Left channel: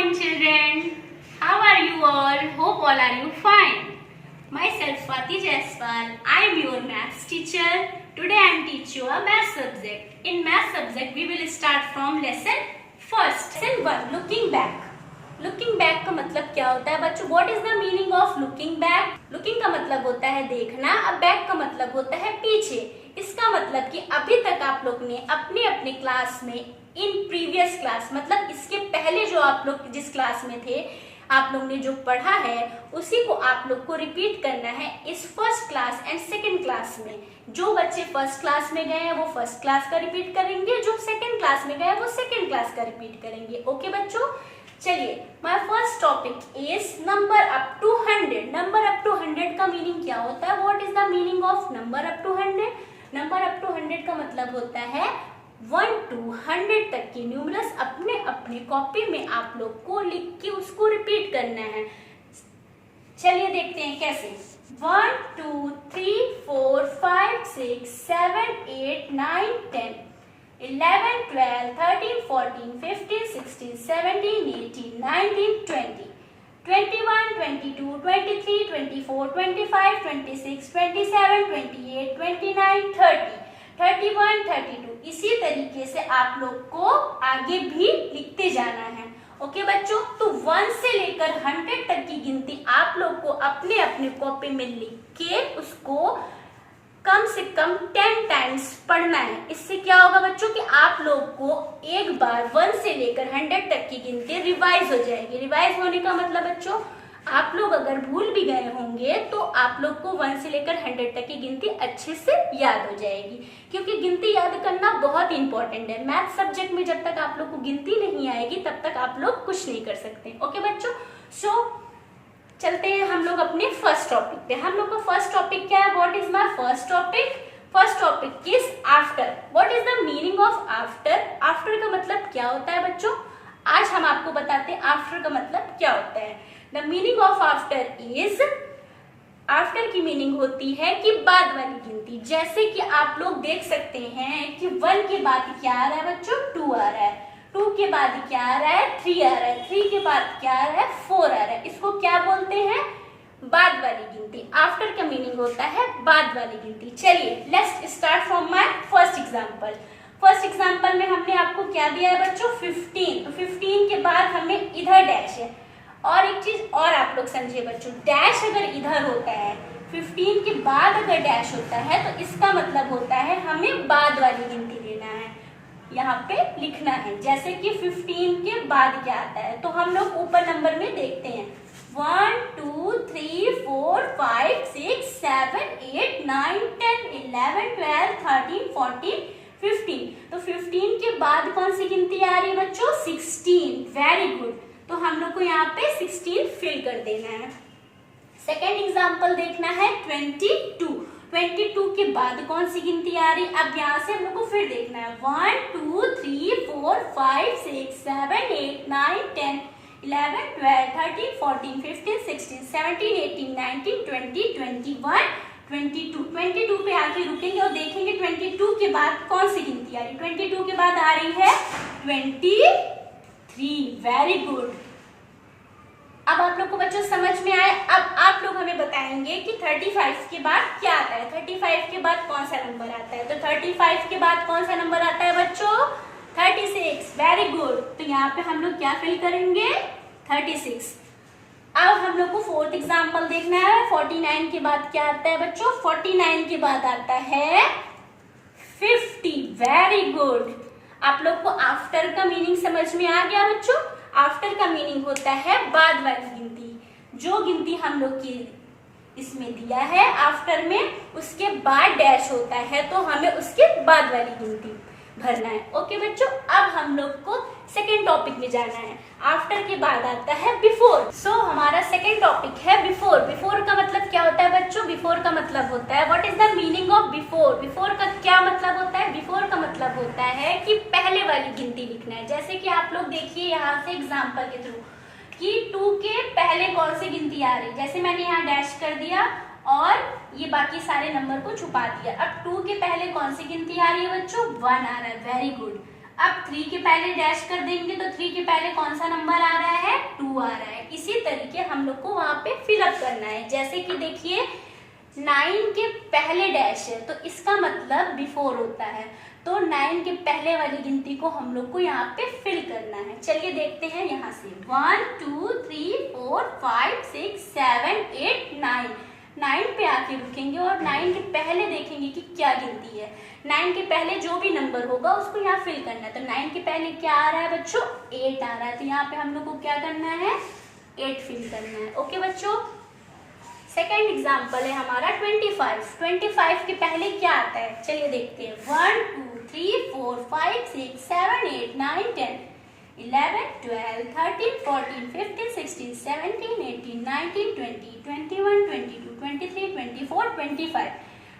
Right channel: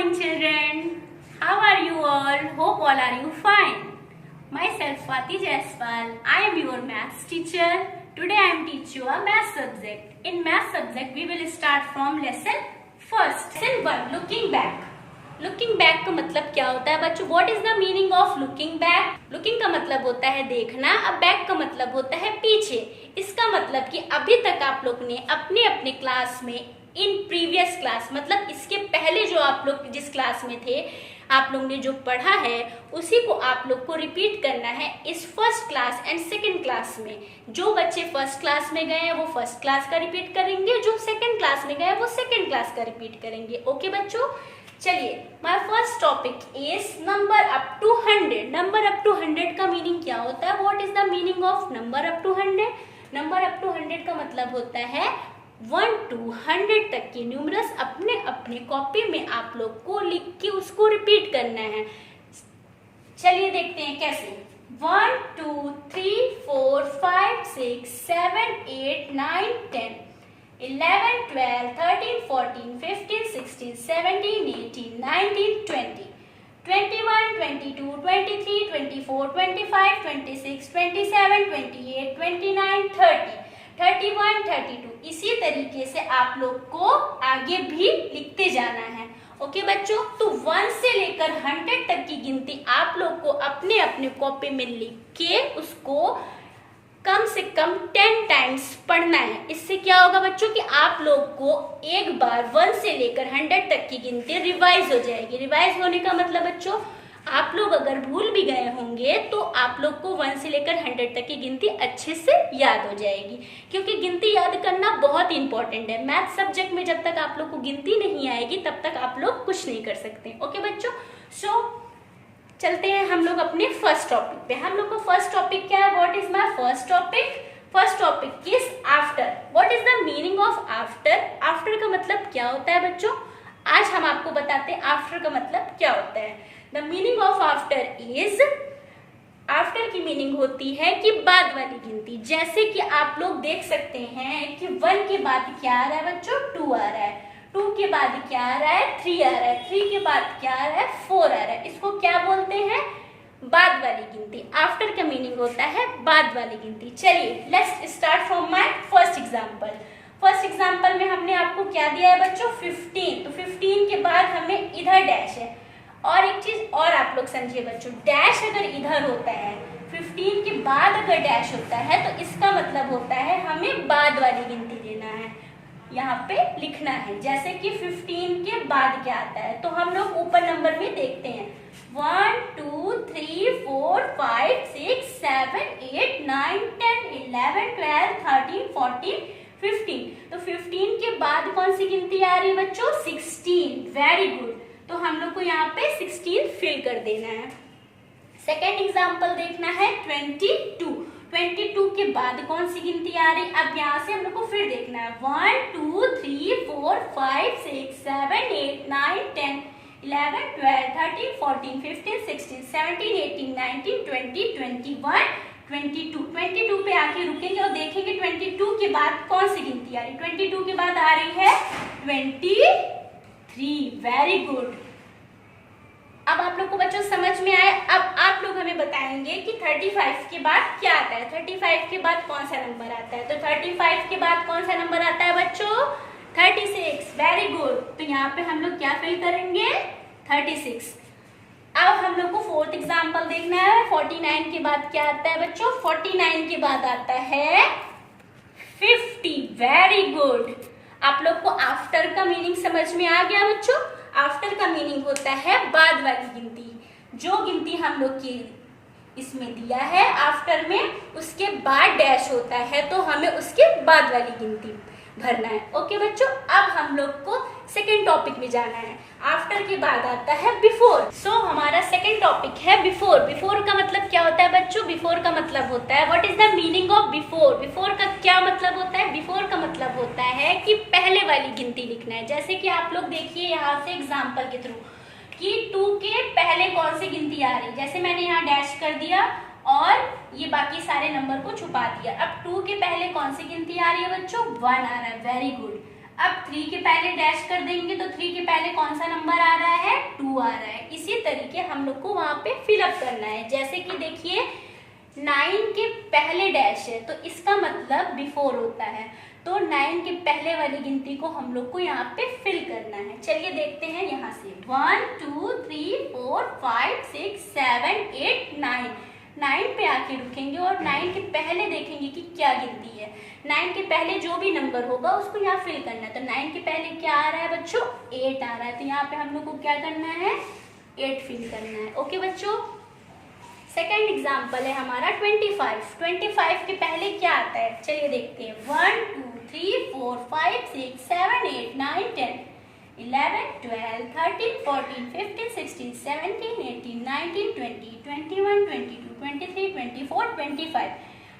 morning, children. How are you all? Hope all are you fine. Myself Swati Jaiswal. I am your maths teacher. Today I am teach you a math subject. In math subject we will start from lesson first. Lesson 1. Looking back. Looking back का मतलब क्या होता है बच्चों? What is the meaning of looking back? Looking का मतलब होता है देखना, अब बैक का मतलब होता है पीछे। इसका मतलब कि अभी तक आप लोग ने अपने अपने क्लास में इन प्रीवियस क्लास मतलब इसके पहले जो आप लोग जिस क्लास में थे आप लोग ने जो पढ़ा है उसी को आप लोग को रिपीट करना है इस first class and second class में। जो बच्चे फर्स्ट क्लास में गए हैं वो फर्स्ट क्लास का रिपीट करेंगे, जो सेकंड क्लास में गए वो सेकंड क्लास का रिपीट करेंगे। ओके बच्चों, चलिए my first topic is number up to 100। Number up to 100 का मीनिंग क्या होता है? What is the meaning of number up to 100? Number up to 100 का मतलब होता है 1 to 100 तक की न्यूमरल्स अपने अपने कॉपी में आप लोग को लिख के उसको रिपीट करना है। चलिए देखते हैं कैसे। 1 2 3 4 5 6 7 8 9 10 11 12 13 14 15 16 17 18 19 20 21 22 23 24 25 26 27 28 29 30 31 32। इसी तरीके से आप लोग को आगे भी लिखते जाना है। ओके बच्चों, तो 1 से लेकर 100 तक की गिनती आप लोग को अपने अपने कॉपी में लिख के उसको कम से कम 10 टाइम्स पढ़ना है। इससे क्या होगा बच्चों कि आप लोग को एक बार 1 से लेकर 100 तक की गिनती रिवाइज हो जाएगी। रिवाइज होने का मतलब बच्चों आप लोग अगर भूल भी गए होंगे तो आप लोग को 1 से लेकर 100 तक की गिनती अच्छे से याद हो जाएगी, क्योंकि गिनती याद करना बहुत इंपॉर्टेंट है। मैथ सब्जेक्ट में जब तक आप लोग को गिनती नहीं आएगी तब तक आप लोग कुछ नहीं कर सकते। ओके बच्चों, सो चलते हैं हम लोग अपने फर्स्ट टॉपिक पे। हम लोग का फर्स्ट टॉपिक क्या है? What is my first topic? First topic is after. What is the meaning of after? After का मतलब क्या होता है बच्चों? आज हम आपको बताते हैं आफ्टर का मतलब क्या होता है। The meaning of after is, after की मीनिंग होती है कि बाद वाली गिनती। जैसे कि आप लोग देख सकते हैं कि 1 के बाद क्या आ रहा है बच्चों? 2 आ रहा है। 2 के बाद क्या आ रहा है? 3 आ रहा है। 3 के बाद क्या आ रहा है? 4 आ रहा है। इसको क्या बोलते हैं? बाद वाली गिनती। आफ्टर का मीनिंग होता है बाद वाली गिनती। चलिए let's start from my first example. First example में हमने आपको क्या दिया है बच्चों? 15। तो 15 के बाद हमें इधर डैश है। और एक चीज और आप लोग समझिए बच्चों, डैश अगर इधर होता है 15 के बाद अगर डैश होता है तो इसका मतलब होता है हमें बाद वाली गिनती लेना है, यहाँ पे लिखना है। जैसे कि 15 के बाद क्या आता है तो हम लोग ऊपर नंबर में देखते हैं 1 2 3 4 5 6 7 8 9 10 11 12 13 14 15। तो 15 के बाद कौन सी गिनती आ रही है बच्चों? 16। Very good. तो हम लोग को यहाँ पे 16 फिल कर देना है। सेकेंड एग्जाम्पल देखना है 22। 22 के बाद कौन सी गिनती आ रही? अब यहाँ से हम लोग को फिर देखना है 1 2 3 4 5 6 7 8 9 10 11 12 13 14 15 16 17 18 19 20 21 22। 22 पे आके रुकेंगे और देखेंगे 22 के बाद कौन सी गिनती आ रही? 22 के बाद आ रही है 23। Very good. अब आप लोग को बच्चों समझ में आए। अब आप लोग हमें बताएंगे कि 35 के बाद क्या आता है? 35 के बाद कौन सा नंबर आता है? तो 35 के बाद कौन सा नंबर आता है बच्चों? 36। Very good. तो यहाँ पे हम लोग क्या फिल करेंगे? 36। अब हम लोग को फोर्थ एग्जाम्पल देखना है। 49 के बाद क्या आता है बच्चों? 49 के बाद आता है 50। Very good. आप लोग को आफ्टर का मीनिंग समझ में आ गया बच्चों? आफ्टर का मीनिंग होता है बाद वाली गिनती। जो गिनती हम लोग की इसमें दिया है आफ्टर में उसके बाद डैश होता है तो हमें उसके बाद वाली गिनती भरना है। ओके बच्चों, अब हम लोग को सेकेंड टॉपिक में जाना है। आफ्टर के बाद आता है बिफोर। सो हमारा सेकेंड टॉपिक है बिफोर। बिफोर का मतलब क्या होता है बच्चों? बिफोर का मतलब होता है what is the meaning of before? Before का क्या मतलब होता है? बिफोर का मतलब होता है कि पहले वाली गिनती लिखना है। जैसे कि आप लोग देखिए यहाँ से एग्जाम्पल के थ्रू कि 2 के पहले कौन सी गिनती आ रही। जैसे मैंने यहाँ डैश कर दिया और ये बाकी सारे नंबर को छुपा दिया। अब 2 के पहले कौन सी गिनती आ रही है बच्चों? 1 आ रहा है। Very good. अब 3 के पहले डैश कर देंगे तो 3 के पहले कौन सा नंबर आ रहा है, 2 आ रहा है। इसी तरीके हम लोग को वहां पे फिलअप करना है। जैसे कि देखिए 9 के पहले डैश है तो इसका मतलब बिफोर होता है, तो 9 के पहले वाली गिनती को हम लोग को यहाँ पे फिल करना है। चलिए देखते हैं यहाँ से 1 2 3 4 5 6 7 8 9। 9 पे आके रुकेंगे और 9 के पहले देखेंगे कि क्या गिनती है। 9 के पहले जो भी नंबर होगा उसको यहाँ फिल करना है। तो 9 के पहले क्या आ रहा है बच्चों, 8 आ रहा है, तो यहाँ पे हम लोग को क्या करना है, 8 फिल करना है। ओके बच्चों, सेकेंड एग्जाम्पल है हमारा 25। 25 के पहले क्या आता है, चलिए देखते हैं 1 2 3 4 5 6 7 8 9 10 11 12 13 14 15 16 17 18 19 20 21 22 23 24 25।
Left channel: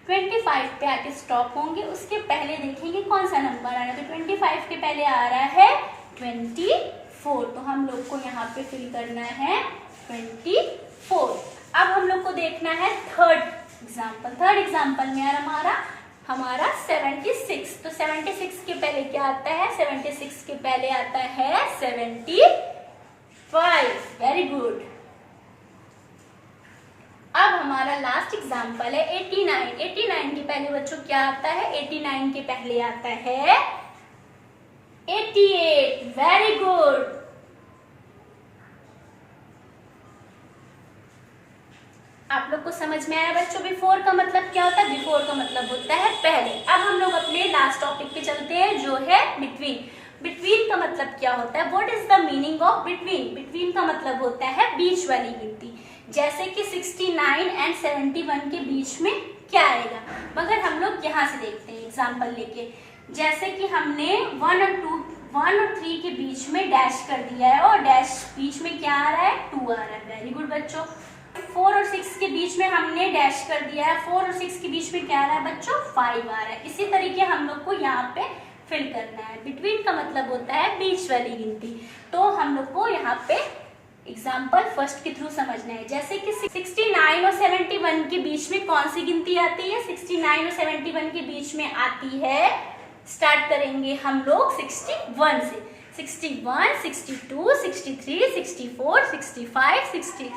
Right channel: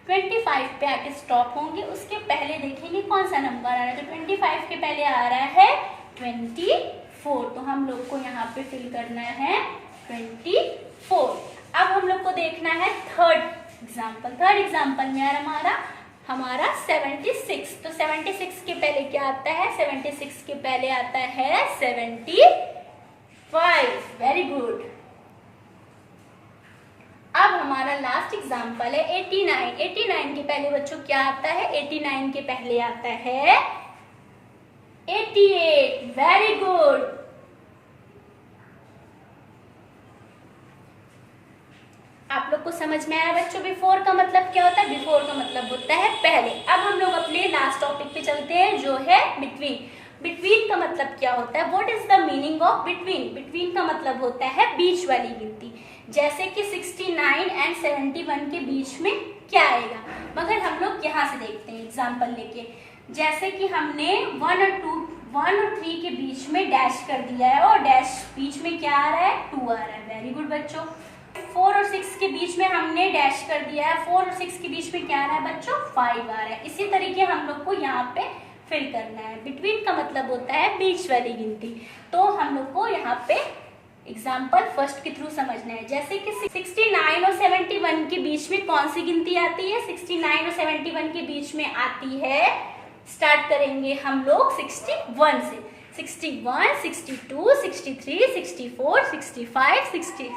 25 पे आके स्टॉप होंगे, उसके पहले देखेंगे कौन सा नंबर आ रहा है। तो 25 के पहले आ रहा है 24, तो हम लोग को यहाँ पे फिल करना है 24। अब हम लोग को देखना है थर्ड एग्जाम्पल। थर्ड एग्जाम्पल में यार हमारा 76। तो 76 के पहले क्या आता है, 76 के पहले आता है 75। Very good. अब हमारा लास्ट एग्जाम्पल है 89। 89 के पहले बच्चों क्या आता है, 89 के पहले आता है 88। Very good. आप लोग को समझ में आया बच्चों बिफोर का मतलब क्या होता है, बिफोर का मतलब होता है पहले। अब हम लोग अपने लास्ट टॉपिक पे चलते हैं जो है बिटवीन। बिटवीन का मतलब क्या होता है, what is the meaning of between. Between का मतलब होता है बीच वाली गिनती। जैसे कि 69 एंड 71 के बीच में क्या आएगा, मगर हम लोग यहाँ से देखते हैं एग्जाम्पल लेके। जैसे कि हमने 1 और 3 के बीच में डैश कर दिया है और डैश बीच में क्या आ रहा है, 2 आ रहा है। वेरी गुड बच्चों। 4 और 6 के बीच में हमने डैश कर दिया है, 4 और 6 के बीच में क्या आ रहा है बच्चों, 5 आ रहा है। इसी तरीके हम लोग को यहाँ पे फिल करना है। बिटवीन का मतलब होता है बीच वाली गिनती। तो हम लोग को यहाँ पे एग्जाम्पल फर्स्ट के थ्रू समझना है। जैसे कि 69 और 71 के बीच में कौन सी गिनती आती है, 69 और 71 के बीच में आती है, स्टार्ट करेंगे हम लोग 61 से। 61, 62, 63, 64, 65, 66,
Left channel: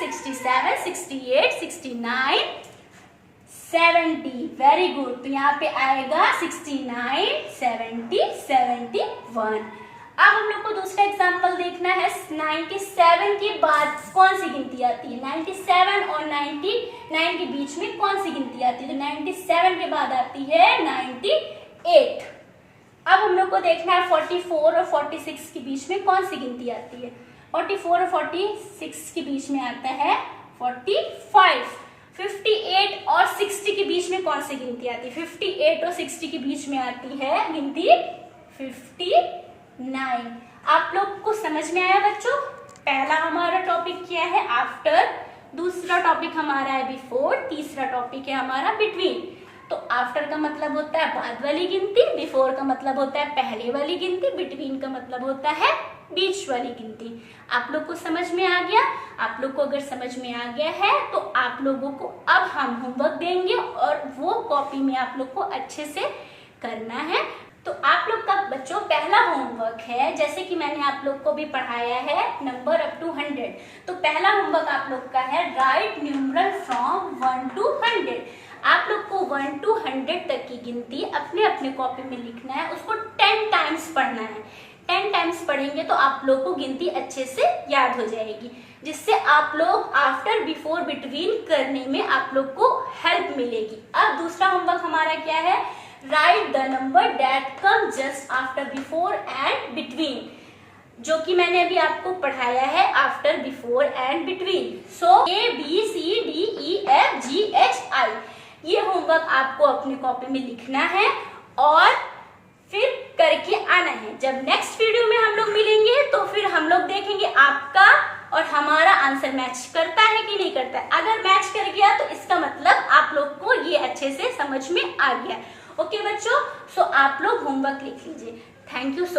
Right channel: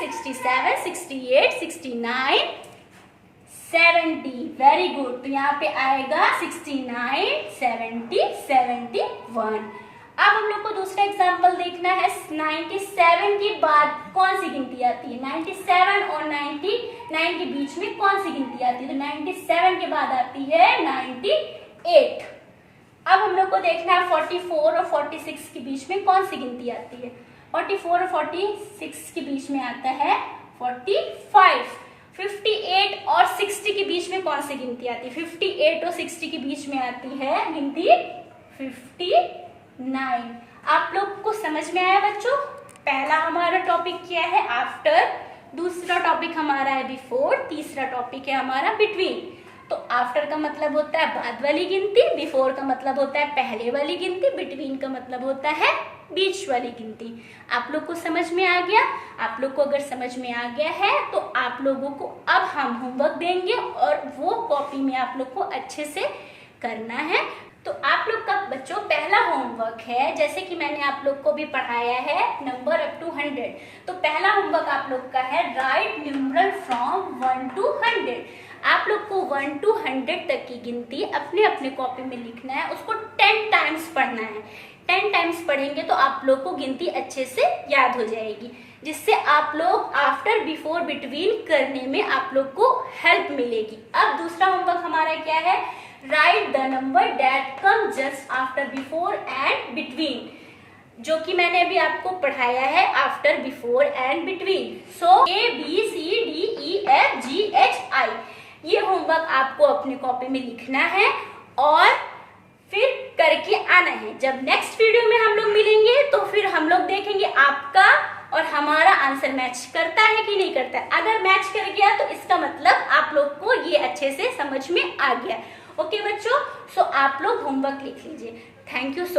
67, 68, 69, 70। Very good. तो यहाँ पे आएगा 69, 70, 71। अब हम लोग को दूसरा एग्जाम्पल देखना है। 97 के बाद कौन सी गिनती आती है, 97 और 99 के बीच में कौन सी गिनती आती है, तो 97 के बाद आती है 98। अब हम लोग को देखना है 44 और 46 के बीच में कौन सी गिनती आती है। 44 और 46 के बीच में आता है 45। 58 और 60 के बीच में कौन सी गिनती आती है, 58 और 60 के बीच में आती है गिनती 59। आप लोग को समझ में आया बच्चों। पहला हमारा टॉपिक क्या है, आफ्टर। दूसरा टॉपिक हमारा है बिफोर। तीसरा टॉपिक है हमारा बिटवीन। तो आफ्टर का मतलब होता है बाद वाली गिनती, बिफोर का मतलब होता है पहले वाली गिनती, बिटवीन का मतलब होता है बीच वाली गिनती। आप लोग को समझ में आ गया। आप लोग को अगर समझ में आ गया है तो आप लोगों को अब हम होमवर्क देंगे और वो कॉपी में आप लोग को अच्छे से करना है। तो आप लोग का बच्चों पहला होमवर्क है, जैसे कि मैंने आप लोग को भी पढ़ाया है, नंबर अप टू 100। तो पहला होमवर्क आप लोग का है राइट न्यूमरल फ्रॉम 1 to 100। आप लोग को 1 to 100 तक की गिनती अपने अपने कॉपी में लिखना है, उसको 10 टाइम्स पढ़ना है। 10 टाइम्स पढ़ेंगे तो आप लोग को गिनती अच्छे से याद हो जाएगी, जिससे आप लोग आफ्टर बिफोर बिटवीन करने में आप लोग को हेल्प मिलेगी। अब दूसरा होमवर्क हमारा क्या है, right the number that come just after before and between, जो कि मैंने अभी आपको पढ़ाया है after before and between. So ABCDEFGHI, ये होमवर्क आपको अपनी कॉपी में लिखना है और फिर करके आना है। जब नेक्स्ट वीडियो में हम लोग मिलेंगे तो फिर हम लोग देखेंगे आपका और हमारा आंसर मैच करता है कि नहीं करता है। अगर मैच कर गया तो इसका मतलब आप लोग को ये अच्छे से समझ में आ गया। ओके बच्चों, सो आप लोग होमवर्क लिख लीजिए। Thank you so